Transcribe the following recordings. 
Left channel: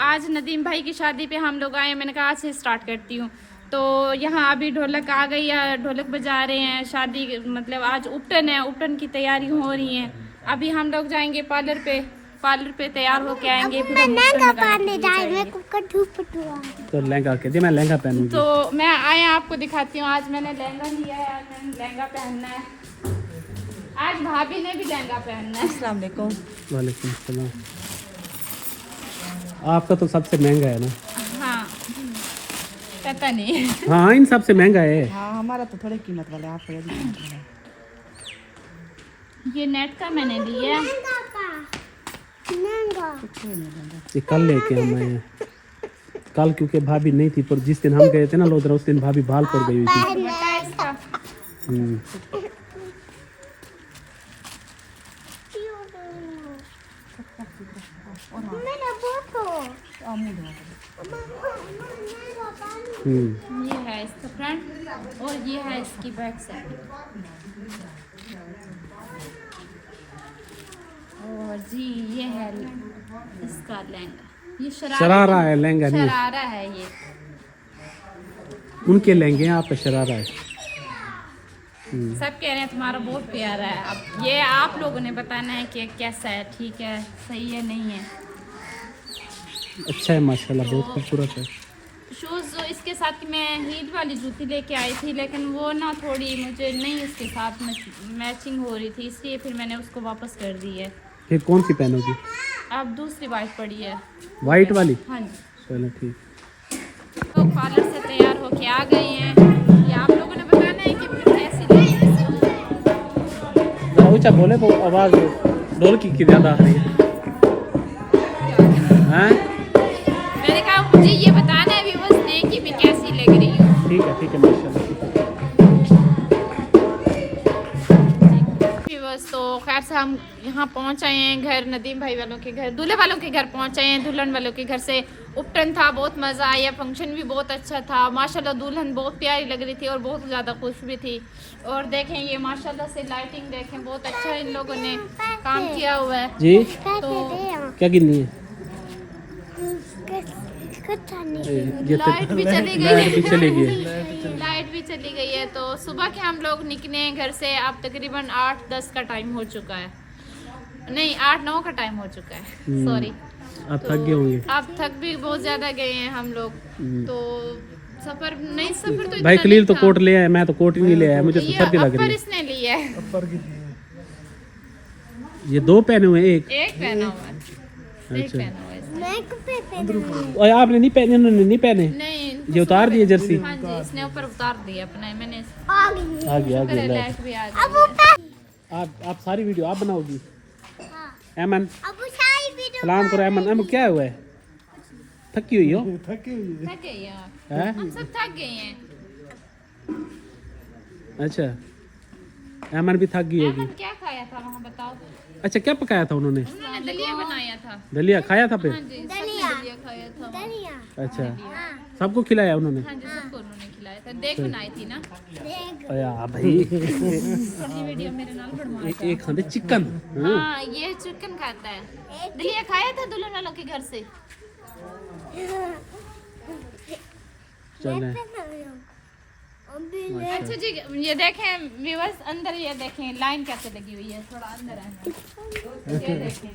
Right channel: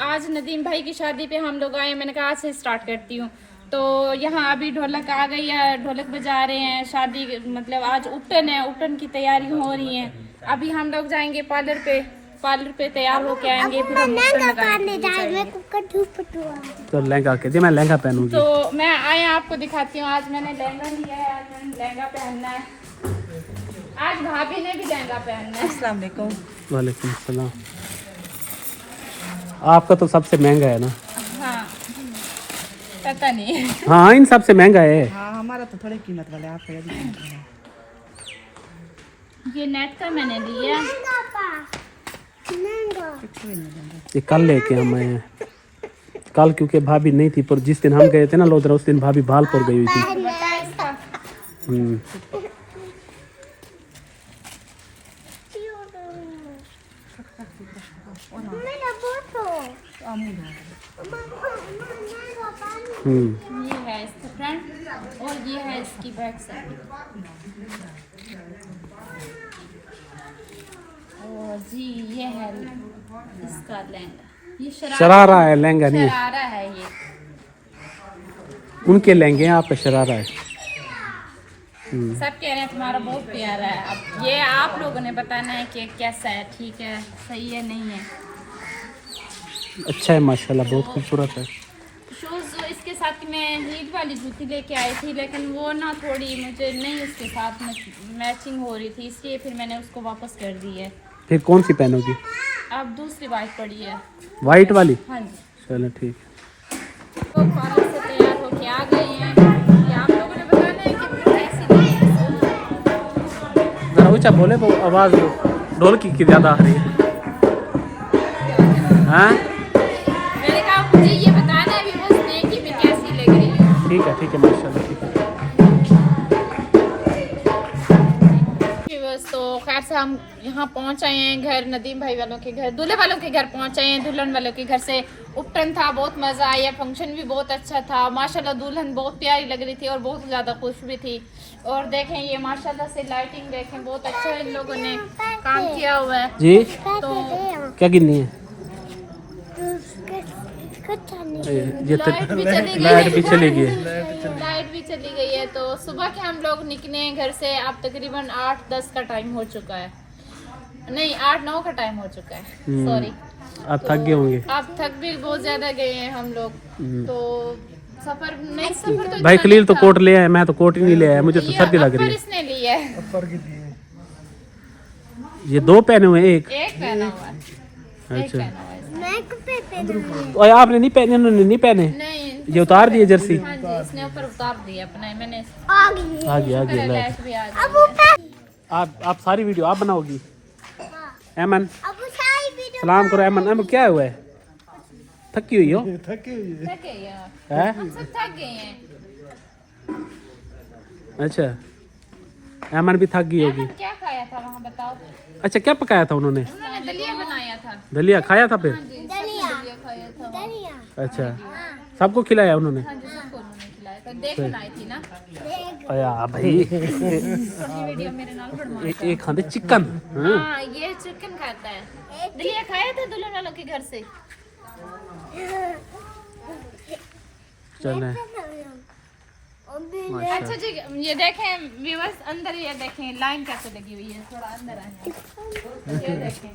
आज नदीम भाई की शादी पे हम लोग आए, मैंने कहा आज से स्टार्ट करती हूँ। तो यहाँ अभी ढोलक आ गई है, ढोलक बजा रहे हैं। शादी मतलब आज उपटन है, उपटन की तैयारी हो रही है। अभी हम लोग जाएंगे पार्लर पे तैयार होके आएंगे, फिर हम तो लहंगा के दे, मैं लहंगा पहनूंगी। तो मैं आया आपको दिखाती हूँ। आज मैंने लहंगा लिया है, आज मैंने लहंगा पहनना है। आज भाभी ने भी लहंगा पहनना है। अस्सलाम वालेकुम। वालेकुम सलाम। आपका तो सबसे महंगा है ना? हाँ पता नहीं। हाँ इन सबसे महंगा है। हाँ हमारा तो थोड़ी कीमत वाला है, आपका यदि कीमत वाला है। ये नेट का मैंने लिया। ये कल लेके हम आए हैं। कल क्योंकि भाभी नहीं थी, पर जिस दिन हम गए थे ना लोधरा, उस दिन भाभी भालपुर गई हुई थी। ये है इसका फ्रंट और ये है इसकी बैक साइड। और जी ये है इसका लहंगा। ये शरारा है, लहंगा नहीं है। शरारा है ये। उनके लहंगे हैं, आपका शरारा है। सब कह रहे हैं तुम्हारा बहुत प्यारा है। अब ये आप लोगों ने बताना है कि कैसा है, ठीक है, सही है, नहीं है। अच्छा है माशाल्लाह, बहुत खूबसूरत है। शूज़ इसके साथ की मैं हीट वाली जूती लेके आई थी, लेकिन वो ना थोड़ी मुझे नहीं उसके साथ मैचिंग हो रही थी, इसलिए फिर मैंने उसको वापस कर दी है। फिर कौन सी पहनोगी? अब दूसरी वाइट पड़ी है। वाइट वाली? हाँ जी। चलो ठीक। वो पार्लर से तैयार होके आ गए हैं। ये आप लोगों ने बताना है कि फिर कैसी लगी। कुछ बोले तो आवाज ढोल की ज्यादा आ रही है। हाँ मैंने कहा मुझे ये बताना है व्यूअर्स ने कि मैं कैसी लग रही हूँ। ठीक है माशाल्लाह। व्यूअर्स तो खैर से हम यहाँ पहुँच आए हैं घर, नदीम भाई वालों के घर, दूल्हे वालों के घर पहुँच आए हैं। दुल्हन वालों के घर से उपटन था, बहुत मज़ा आया, फंक्शन भी बहुत अच्छा था माशाल्लाह। दुल्हन बहुत प्यारी लग रही थी और बहुत ज़्यादा खुश भी थी। और देखें ये माशाल्लाह से लाइटिंग देखें, बहुत अच्छा इन लोगों ने काम किया हुआ है जी। तो क्या गिननी है? लाइट भी चली गई लाइट भी चली गई। लाइट भी चली गई है। तो सुबह के हम लोग निकले हैं घर से, अब तकरीबन 8-10 का टाइम हो चुका है, नहीं 8-9 का टाइम हो चुका है, सॉरी। आप थक गए होंगे। आप थक भी बहुत ज्यादा गए हैं हम लोग। तो सफर तो भाई इतना खलील नहीं तो था। कोट ले आए, मैं तो कोट ही नहीं ले आया, मुझे तो ये सर्दी लग रही अपर है। इसने लिया है। ये दो पहने हुए, एक पहना हुआ है, एक अच्छा। पहना हुआ है इसने। और आपने नहीं पहने? उन्होंने नहीं पहने? नहीं ये उतार दिए जर्सी? हाँ जी, इसने ऊपर उतार दिया अपना, मैंने आगे शुक्र है आगे। लाइट भी आ गई है। आप सारी वीडियो आप बनाओगी? एमन सलाम करो। एमन क्या हुआ है? थकी हुई हो? थक गए यार, हैं? हम सब थक गए हैं। अच्छा एमन भी थक गई होगी। एमन क्या खाया था वहाँ बताओ? अच्छा क्या पकाया था उन्होंने? उन्होंने दलिया बनाया था। दलिया खाया था फिर? हाँ जी, दलिया खाया था वहाँ। अच्छा सबको खिलाया उन्होंने? हाँ जी, सबको उन्होंने खिलाया था। देख बनाई थी ना अया भाई थोड़ी वीडियो मेरे नाल बनवा। एक खाते चिकन। हाँ ये चिकन खाता है। दलिया खाया था दुल्हन वालों के घर से। चले अच्छा जी, ये देखें व्यूअर्स, अंदर ये देखें लाइन कैसे लगी हुई है, थोड़ा अंदर आए। ये देखें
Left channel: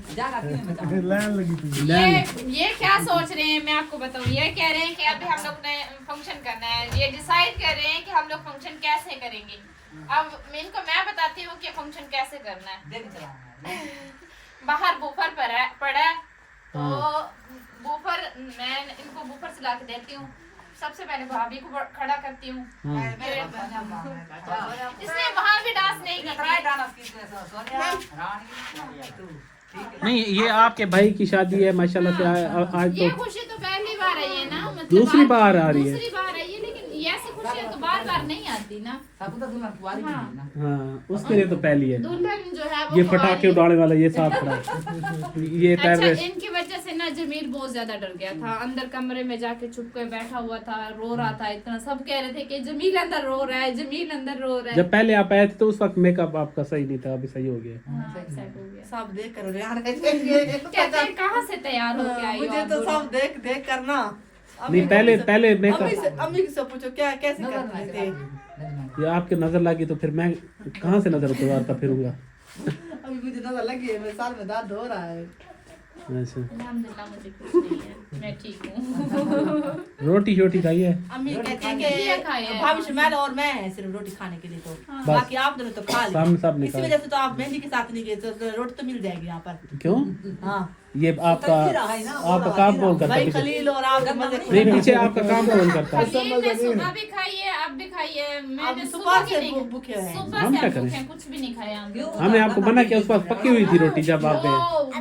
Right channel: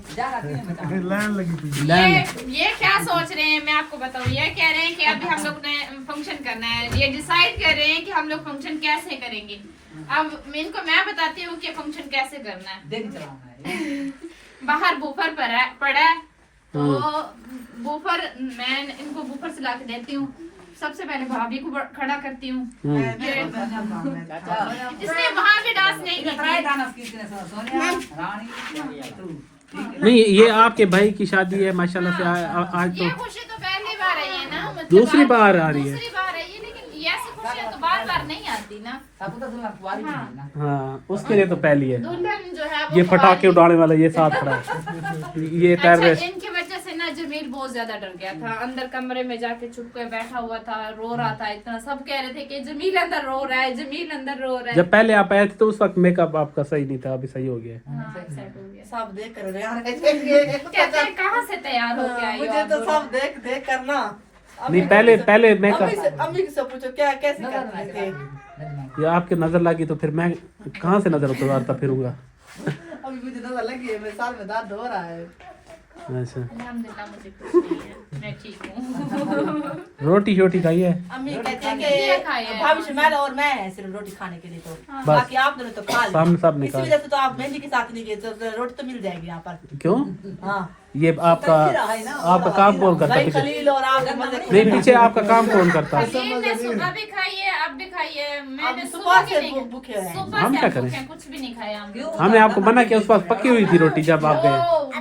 ये क्या सोच रहे हैं, मैं आपको बताऊँ। ये कह रहे हैं कि अभी हम लोग ने फंक्शन करना है, ये डिसाइड कर रहे हैं कि हम लोग फंक्शन कैसे करेंगे। अब इनको मैं बताती हूँ कि फंक्शन कैसे करना है। बाहर बूफर पड़ा है, तो बूफर मैं इनको बूफर से ला के देती हूँ। सबसे पहले भाभी को खड़ा करती हूँ। इसने वहाँ भी डांस नहीं नहीं ये आपके भाई की शादी है माशाल्लाह से आज ये तो खुशी तो पहली बार आई है ना, मतलब दूसरी बार आ रही है। दूसरी बार आई है, लेकिन ये ऐसी खुशियाँ तो बार बार नहीं आती ना। हाँ उसके लिए तो पहली है। दुल्हन जो है वो ये पटाखे उड़ाने वाला ये साथ खड़ा है। ये अच्छा टेररिस्ट। इनकी वजह से ना जमील बहुत ज्यादा डर गया था, अंदर कमरे में जाके चुप कर बैठा हुआ था, रो रहा था इतना। सब कह रहे थे कि जमील अंदर रो रहा है, जमील अंदर रो रहा है। जब पहले आप आए थे तो उस वक्त मेकअप आपका सही नहीं था, अभी सही हो गया। हाँ, upset हो गया। सब देख कर यार कहते हैं कहाँ से तैयार हो के आई हो मुझे आप तो दोनों? सब देख देख करना। नहीं पहले मेकअप अम्मी से पूछो क्या कैसे करते थे। ये आपके नजर लगी तो फिर मैं कहाँ से नजर उतारता फिरूंगा। अभी मुझे नजर लगी है, मेरे साल में दर्द हो रहा है। अच्छा अल्हम्दुलिल्लाह मुझे कुछ नहीं है, मैं ठीक हूँ। रोटी शोटी खाई है? अम्मी कहती है दिया खाया कि है। भाभी शमाल और मैं हैं सिर्फ रोटी खाने के लिए, तो बस। बाकी आप दोनों तो खा सामने ली। सब इसी निकाल। वजह से तो आप मेहंदी के साथ नहीं गए, तो रोटी तो मिल जाएगी यहाँ पर। क्यों? हाँ ये आपका काम कौन करता भाई है? खलील और आप मजे नहीं पीछे आपका काम कौन करता है? ये मैं सुबह भी खाई है, अब भी खाई है। मैंने अब सुबह सुबह के से नहीं भूखे हैं। सुबह हम से क्या हम करें? भूखे हैं, कुछ भी नहीं खाया हम लोग। हमने आपको मना किया, उस वक्त पकी हुई थी रोटी जब आप गए। ओ,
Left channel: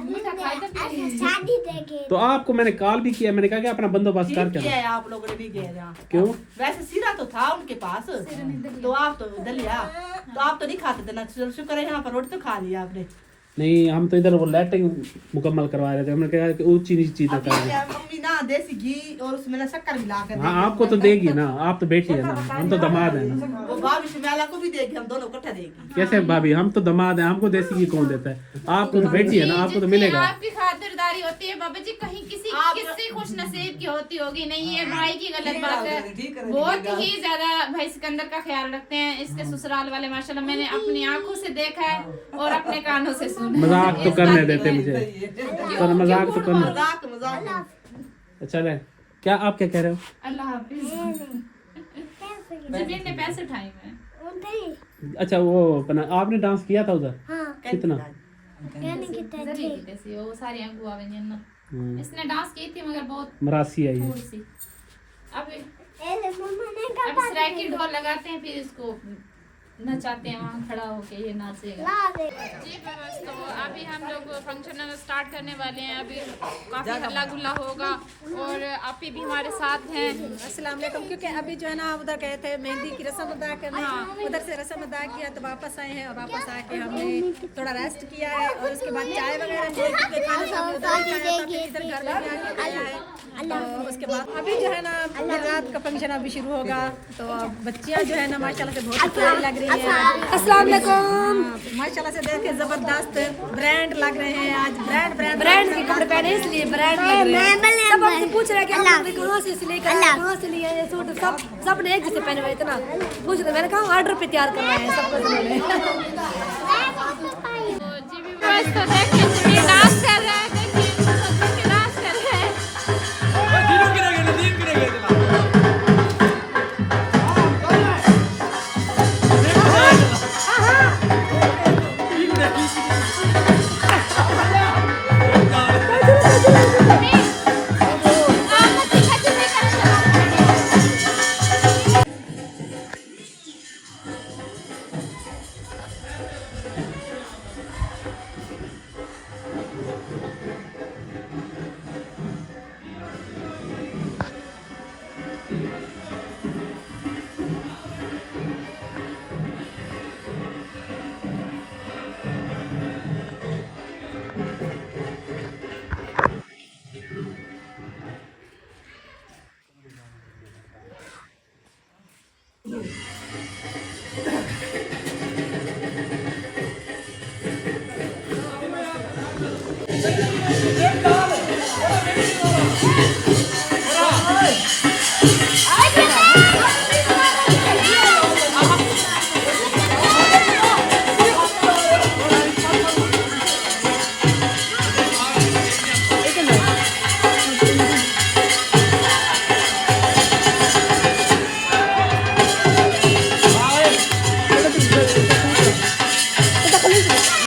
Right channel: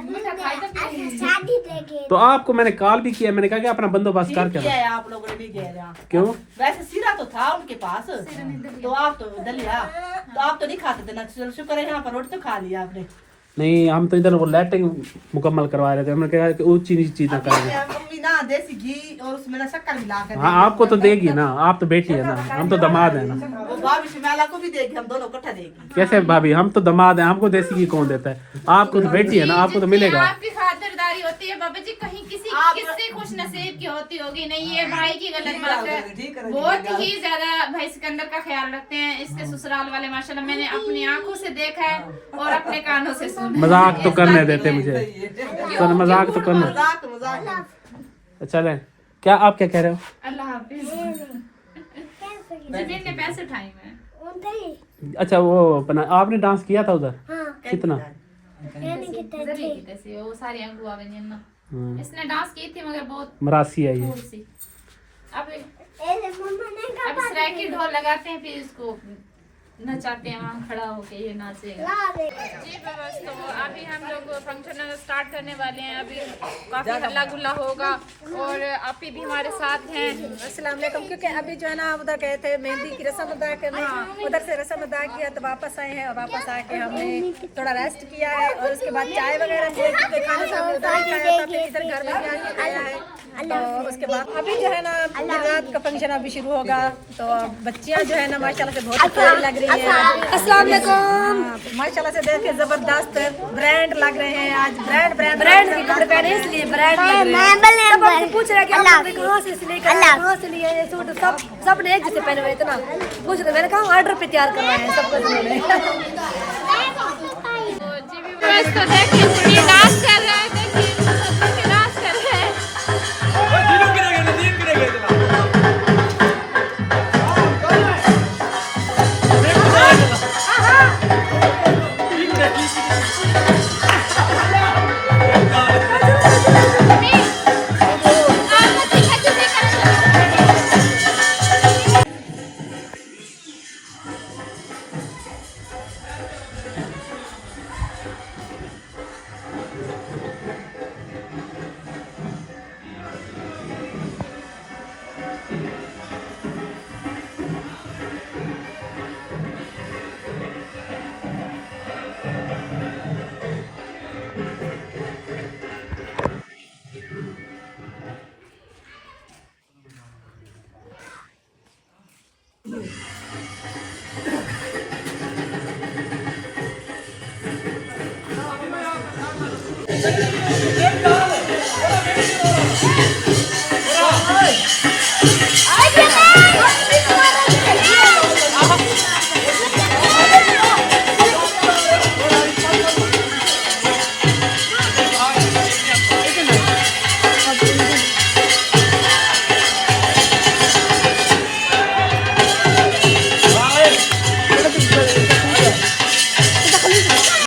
मीठा खाई तो फिर नहीं। तो आपको मैंने कॉल भी किया, मैंने कहा कि अपना बंदोबस्त ठीक करके किया आओ। है आप लोगों ने, नहीं गए यहाँ। क्यों? वैसे सीरा तो था उनके पास, तो आप तो दलिया तो आप तो नहीं खाते थे ना। चलो शुक्र है यहाँ पर रोटी तो खा लिया आपने। नहीं हम तो इधर वो लैटिंग मुकम्मल करवा रहे थे, हमने कहा कि ऊंची नीची चीजें अभी करेंगे। क्या मम्मी ना देसी घी और उसमें ना शक्कर मिला कर हाँ आपको तो देगी ना, आप तो बेटी है ना, हम तो दामाद है ना। वो भाभी शमाला को भी देगी, हम दोनों इकट्ठा देगी। कैसे भाभी, हम तो दामाद हैं, हमको देसी घी कौन देता है? आपको तो बेटी है ना, आपको तो जितनी मिलेगा। आपकी खातिरदारी होती है बाबा जी, कहीं किसी किसी खुश नसीब की होती होगी। नहीं ये भाई की गलत बात है, बहुत ही ज्यादा भाई सिकंदर का ख्याल रखते हैं। इसके ससुराल वाले माशाल्लाह मैंने अपनी आंखों से देखा है और अपने कानों से सुना। मजाक तो करने देते मुझे, तो मजाक तो करने। मजाक मजाक। चले क्या आप क्या कह रहे हो? अल्लाह हाफिज। जितने पैसे उठाए मैं अच्छा वो अपना आपने डांस किया था उधर? कितना? जल्दी जैसे वो सारी अंगू आवे ना। इसने डांस की थी मगर बहुत मरासी है ये। थोड़ी सी। अब सराय की ढोल लगाते हैं, फिर इसको नचाते हैं, वहाँ खड़ा होके ये नाचेगा। जी बस तो अभी हम लोग फंक्शन स्टार्ट करने वाले हैं। अभी काफी हल्ला गुल्ला होगा और आप भी हमारे साथ हैं। अस्सलाम वालेकुम। क्योंकि अभी जो है ना उधर गए थे मेहंदी की रस्म अदा करने, उधर से रस्म अदा किया तो वापस आए हैं और वापस आके हमने थोड़ा रेस्ट किया है और उसके बाद चाय वगैरह पिए, क्योंकि खाना तो हमने उधर ही खाया था, फिर इधर घर में भी आके खाया है। तो उसके बाद अभी जो है ना फिर रात का फंक्शन अभी शुरू होगा। तो बच्चियाँ जो है ना माशाल्लाह से बहुत प्यारी लग रही है। अस्सलाम वालेकुम। माशाल्लाह से देख के जबरदस्त ब्रांड लग रहे हैं। आज ब्रांड ब्रांड ब्रांड कपड़े पहने इसलिए ब्रांड लग रहे हैं। सब आपसे पूछ रहे हैं कि आप कहाँ से सिले, कहाँ से लिए ये सूट? सब ने एक जैसे पहने हुए इतना पूछ रहे। मैंने कहा ऑर्डर पे तैयार करवाए हैं सब कुछ उन्होंने। तो देखिए डांस कर रहे हैं, देखिए डांस कर रहे हैं।